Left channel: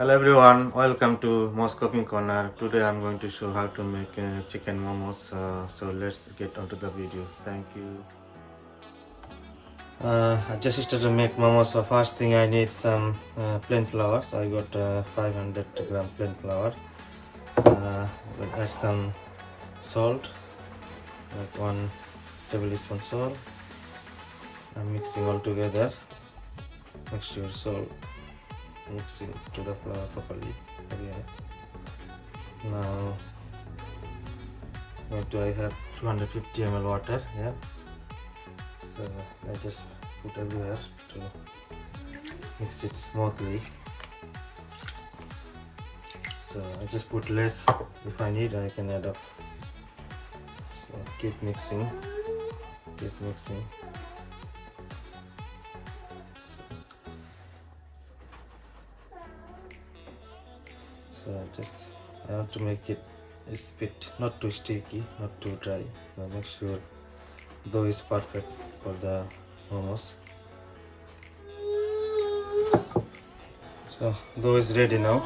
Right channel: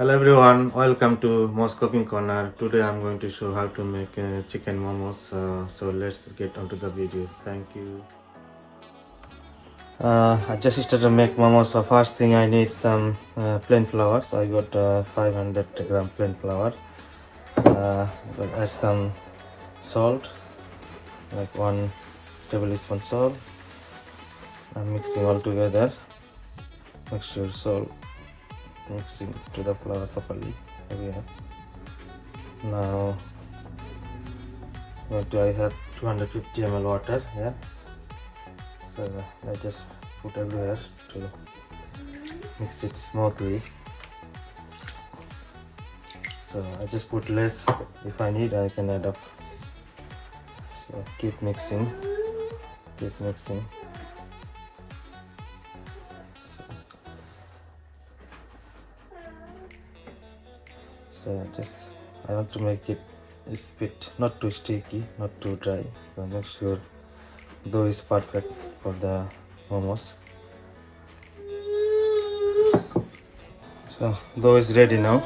Hello everyone, welcome to Mo's Cooking Corner. Today I'm going to show how to make chicken momos. So let's get onto the video. Thank you. I just started to make momos. So first thing I need some plain flour. So I got 500 gram plain flour. I'll add some salt, like 1 tablespoon salt. I'm mixing all together. Make sure salt mixing to the flour properly. Here we are. Now I have 250 ml water here, so I just put everywhere to mix it smoothly. So I just put less. If I need, I can add up. So keep mixing. So I want to make it a bit not too sticky, not too dry. So make sure dough is perfect for the momos. So dough is ready now.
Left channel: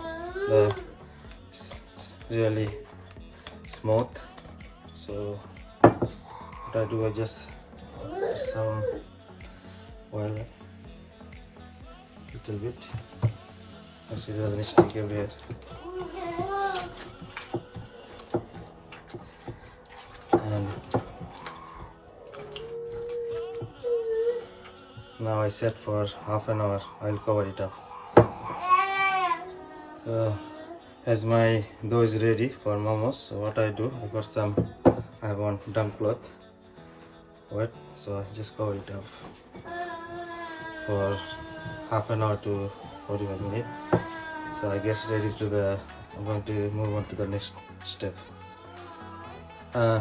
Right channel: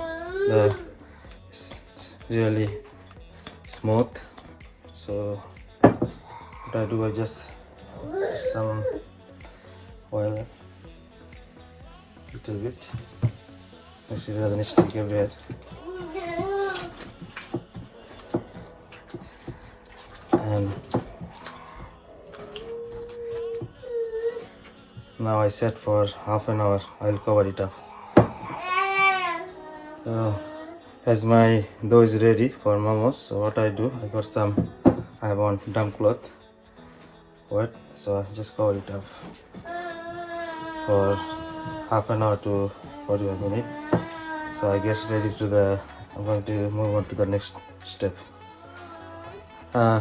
It's really smooth. So what I do, I just put some oil, little bit. Make sure it doesn't stick everywhere. And now I set for half an hour. I'll cover it up. So as my dough is ready for momos, so what I do, I have one damp cloth, wet, so I just cover it up for half an hour to 41 minutes. So I get ready I'm going to move on to the next step.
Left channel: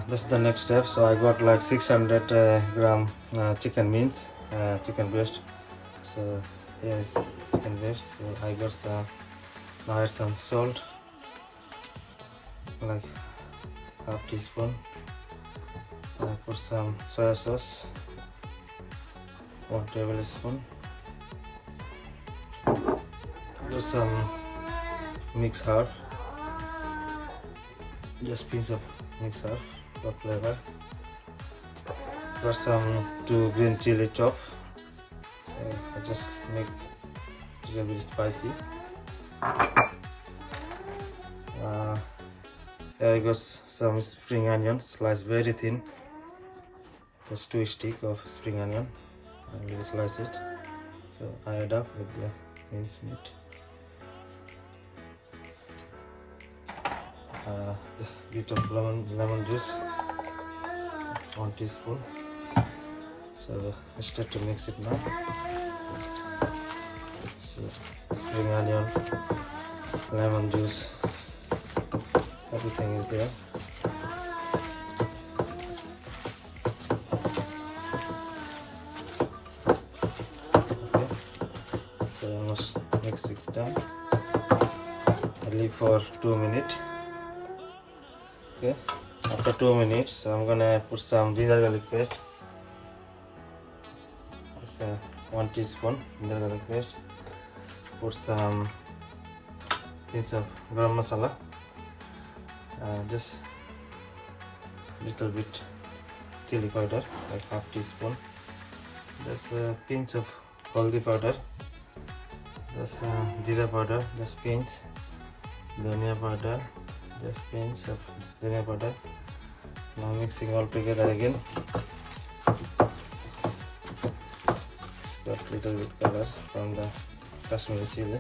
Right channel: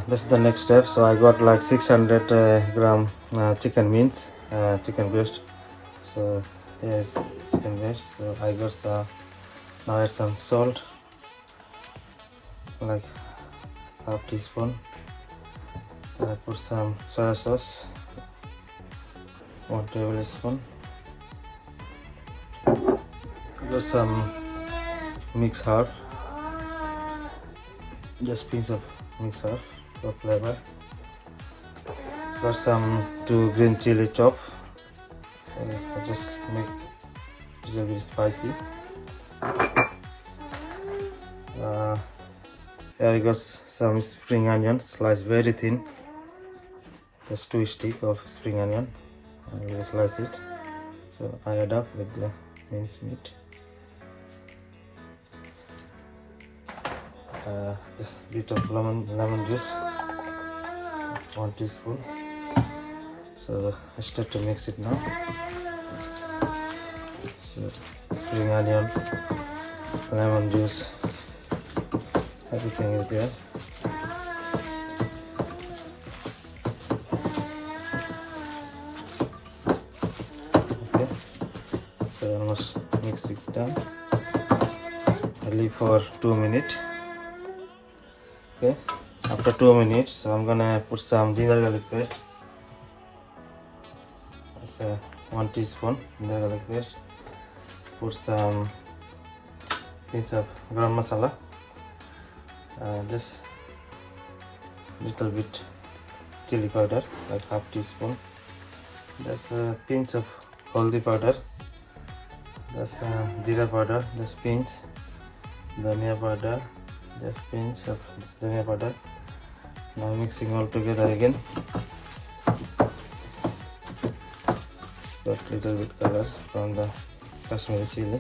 This is the next step. So I got like 600 gram chicken mince, chicken breast. So here's chicken breast. So I got now add some salt, like half teaspoon. I put some soya sauce, 1 tablespoon. Got some mixed herb, just piece of mixed herb for flavor. Got some 2 green chili chop. I just make a little bit spicy. Here I got some spring onion, sliced very thin, just 2 sticks of spring onion. I will slice it. So I add up with the minced meat. Just a bit of lemon juice, 1 teaspoon. So I start to mix it now. So spring onion, lemon juice, everything is there. Okay, so I must mix it down. I leave for 2 minutes. Okay, after 2 minutes, so I'm gonna put some ginger garlic paste. That's 1 teaspoon ginger garlic paste. Put some piece of garam masala, just little bit chili powder, like half teaspoon. That's a pinch of haldi powder. That's jeera powder, just pinch. Dhania powder, just pinch of dhania powder. Now mixing all together again. Got little bit color from the Kashmiri chili.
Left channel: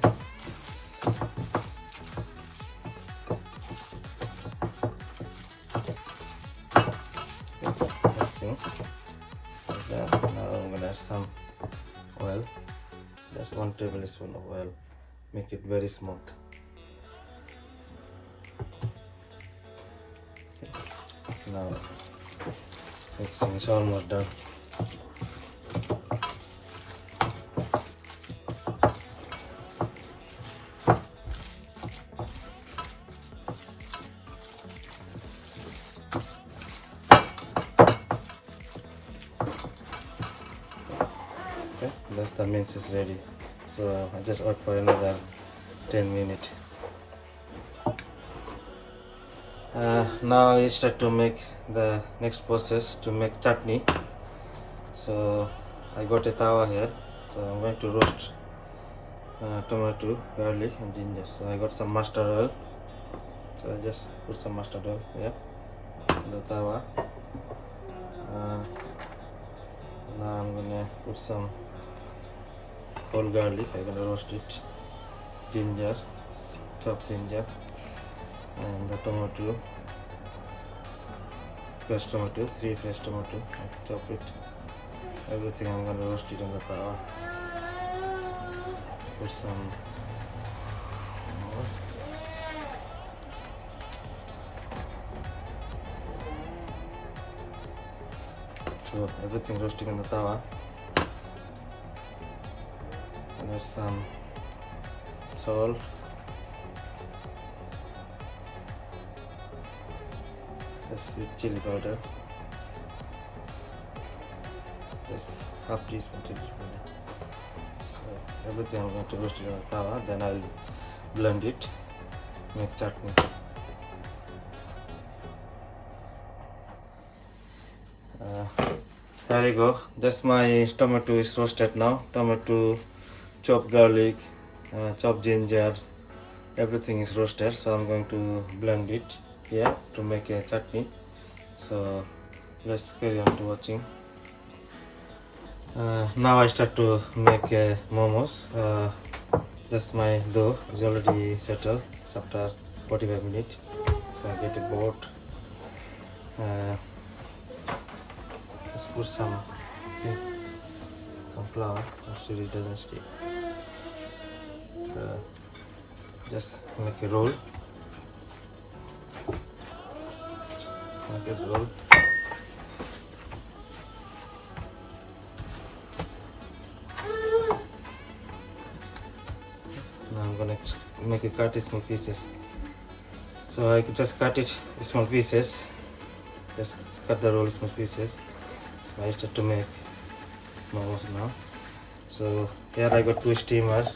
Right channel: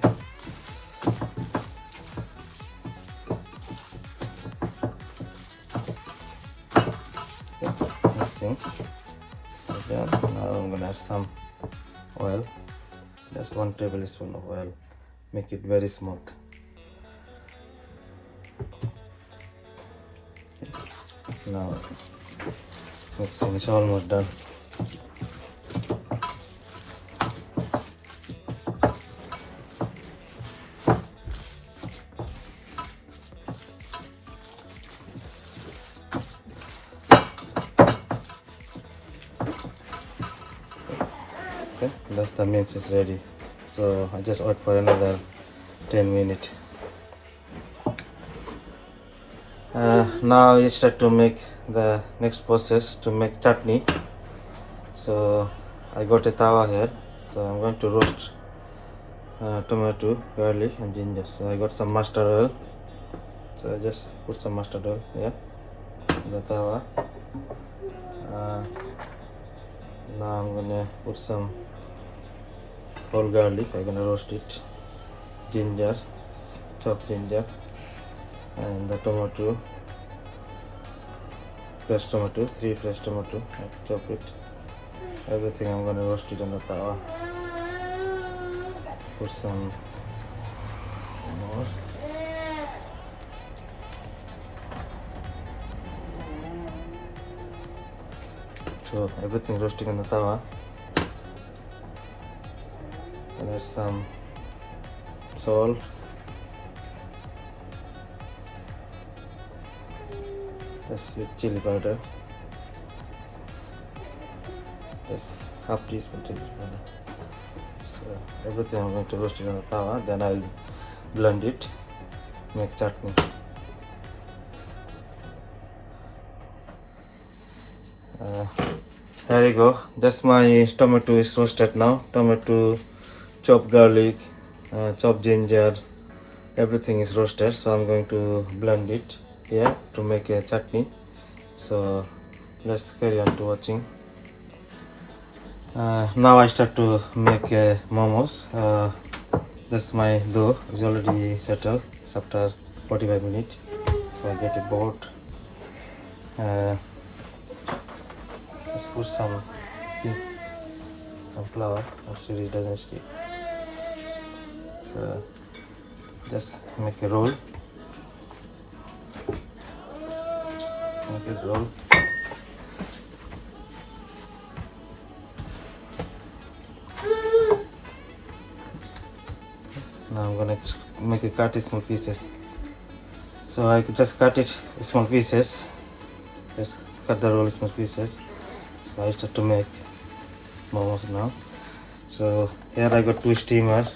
Mixing. Okay, now I'm gonna add some oil. Just 1 tablespoon of oil. Make it very smooth. Now mixing is almost done. Okay, that's the mince is ready. So I just wait for another 10 minutes. Now I start to make the next process to make chutney. So I got a tawa here, so I'm going to roast tomato, garlic and ginger. So I got some mustard oil, so I just put some mustard oil here in the tawa. Now I'm gonna put some whole garlic. I'm gonna roast it, ginger, chopped ginger, and the tomato, fresh tomato, 3 fresh tomato. I chop it. Everything I'm gonna roast it on the tawa. Put some more. So everything roasting on the tawa. And there's some salt. That's chili powder. Just half teaspoon chili powder. So everything I'm going to roast it on the tawa. Then I'll blend it, make chutney. There you go. That's my tomato is roasted now. Tomato, chopped garlic, chopped ginger, everything is roasted. So I'm going to blend it here to make a chutney. So let's carry on to watching. Now I start to make momos. That's my dough is already settled. It's after 45 minutes. So I get a board. Let's put some flour, make sure it doesn't stick. So just make a roll. Make it roll. Now I'm gonna make it cut in small pieces. So I could just cut it in small pieces. Just cut the roll in small pieces. So I start to make momos now. So here I got 2 steamers.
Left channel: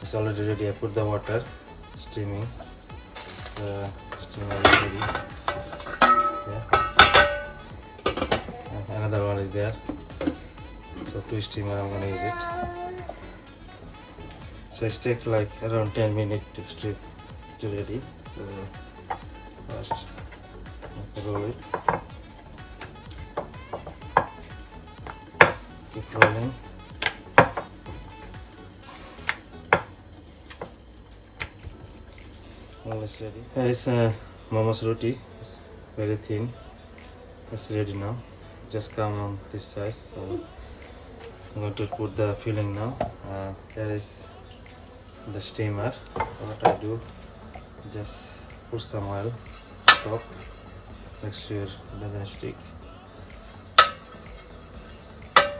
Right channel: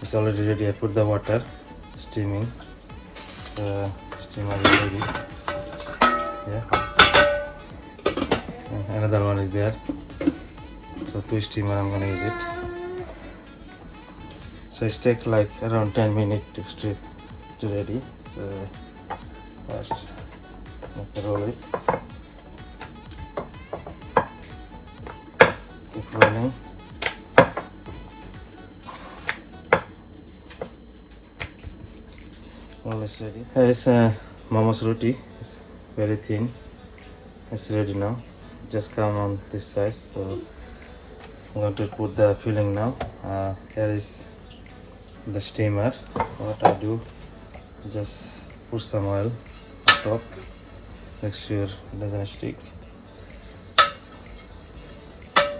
It's already ready. I put the water steaming. Steamer is ready. Yeah. And another one is there. So 2 steamer I'm gonna use it. So it takes like around 10 minutes to strip to ready. So first roll it. Keep rolling. Almost ready. Here is momos roti. It's very thin. It's ready now. Just come on this size. So I'm going to put the filling now. Here is the steamer. What I do, just put some oil on top. Make sure it doesn't stick.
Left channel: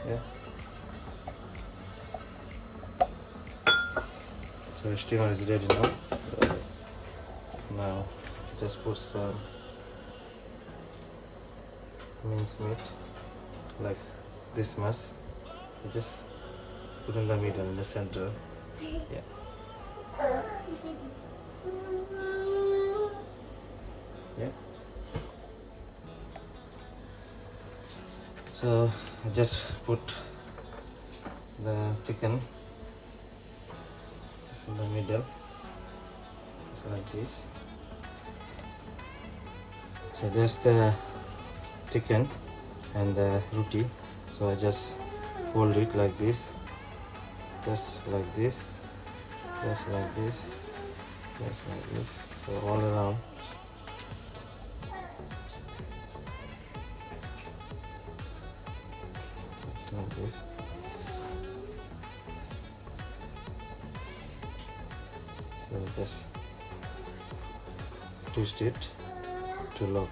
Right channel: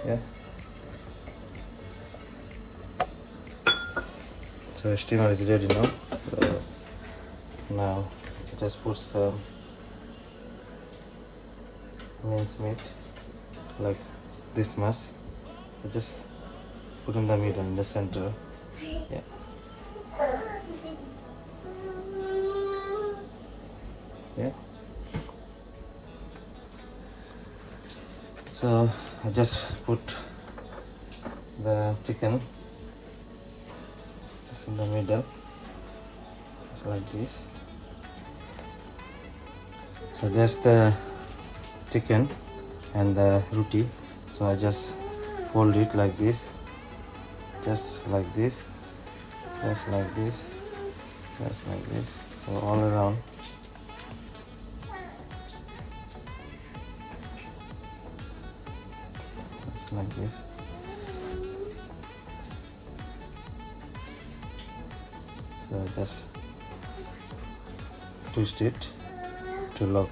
Yeah. So the steamer is ready now. Now just put some minced meat like this much. Just put in the middle, in the center. Yeah. Yeah. So I just put the chicken just in the middle, just like this. So just the chicken and the roti. So I just fold it like this, just like this, just like this, just like this. So all around. Just like this. So just twist it to lock.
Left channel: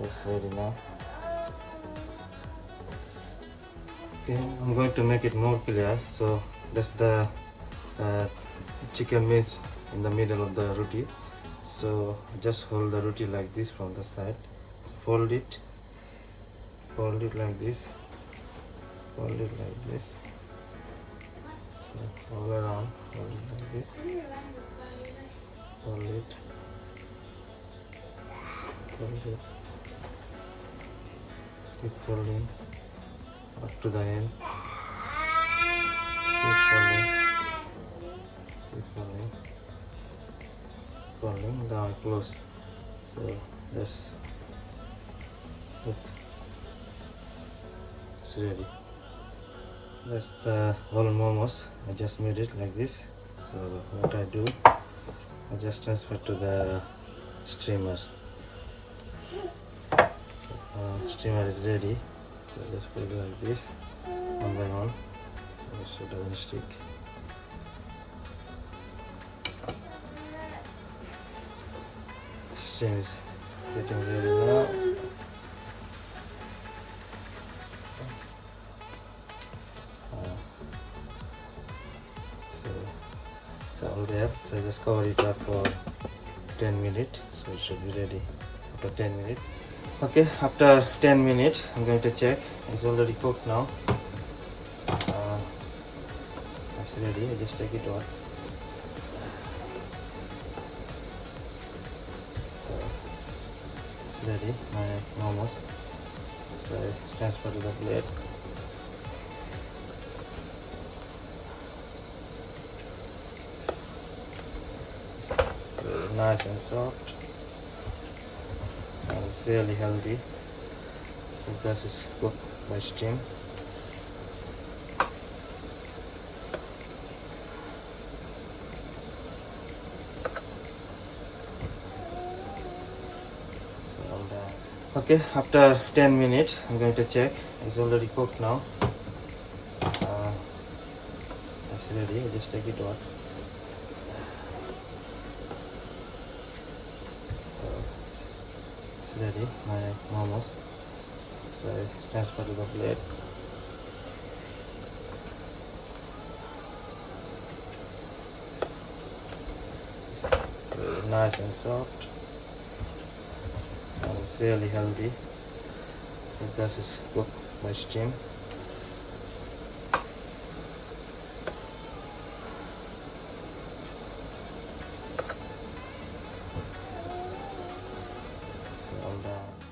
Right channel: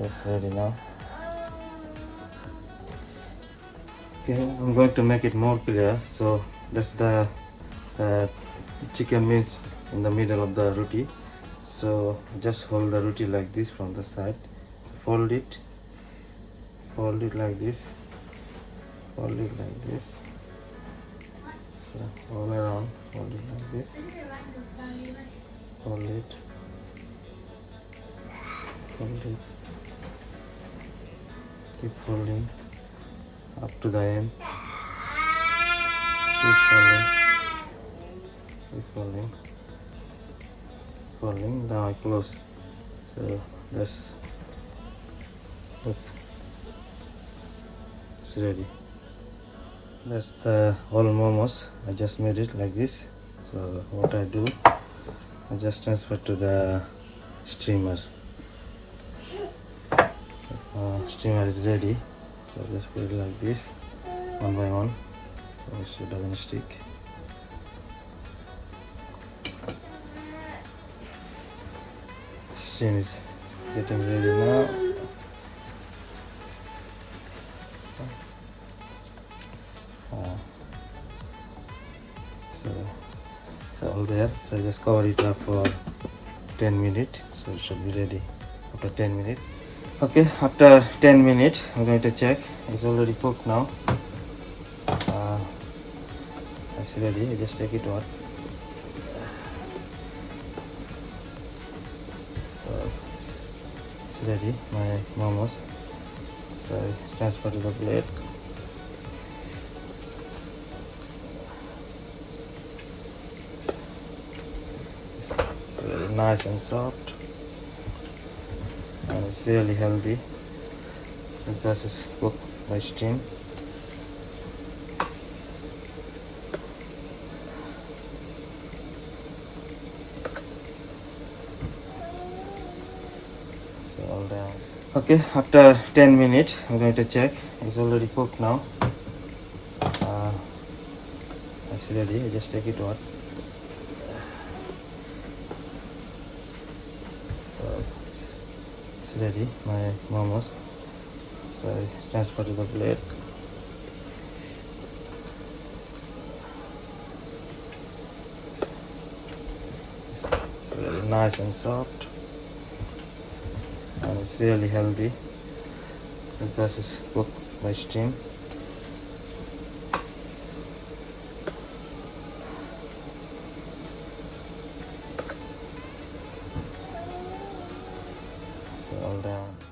That's ready now. Okay, I'm going to make it more clear. So that's the chicken means in the middle of the roti. So just hold the roti like this from the side, fold it like this, fold it like this. So all around, hold it like this, hold it, keep folding up to the end, keep folding, now I close. So that's look, it's ready. That's the whole momos. I just made it like this. So what I do, I just transfer to the steamer. Steamer is ready. So just put it like this, one by one, so it doesn't stick. Steam is getting ready now. So all there. So just cover it up for 10 minutes. So it should be ready after 10 minutes. Okay, after 10 minutes, I'm going to check. It's already cooked now. It's ready. I just take it out. It's ready, my momos. So I transfer to the plate. It's really nice and soft. And it's really healthy because it's cooked by steam. Okay, after 10 minutes, I'm going to check. It's already cooked now. It's ready. I just take it out. It's ready, my momos. So I transfer to the plate. It's really nice and soft. And it's really healthy because it's cooked by steam. So I'm done.